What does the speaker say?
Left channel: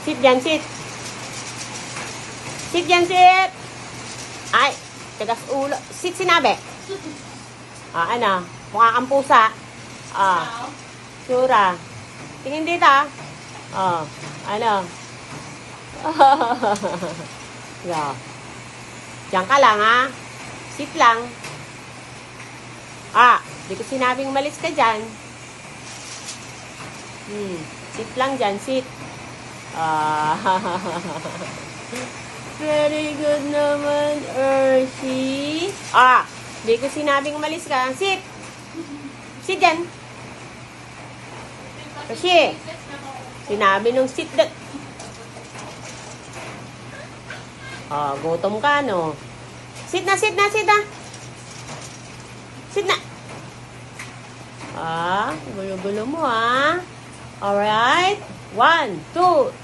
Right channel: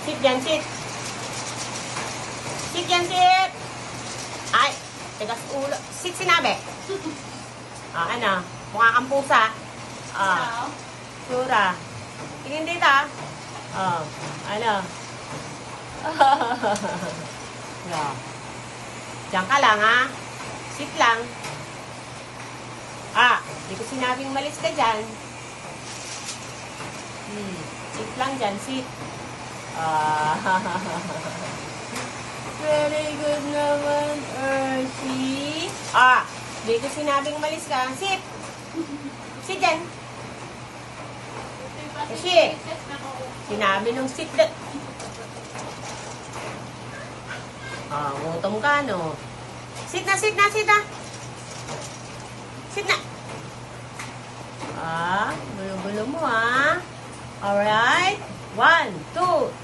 Sit dyan, sit. Sit dyan, sit. Ay, tigas ulo. Sit sinabi. Ano? Mukha kang pusa. Sura. Tingin dito, ano? Yeah. Diyan ka lang, ha? Sit lang. Di ko sinabing malis ka dyan. Sit lang dyan, sit. Very good naman, Earthy. Di ko sinabing malis ka. Sit. Sit dyan. Kasi, sinabi nung sit that. Gutom ka, no? Sit na, sit na, sit na. Sit na. Gulo-gulo mo, ha? Alright. 1, 2,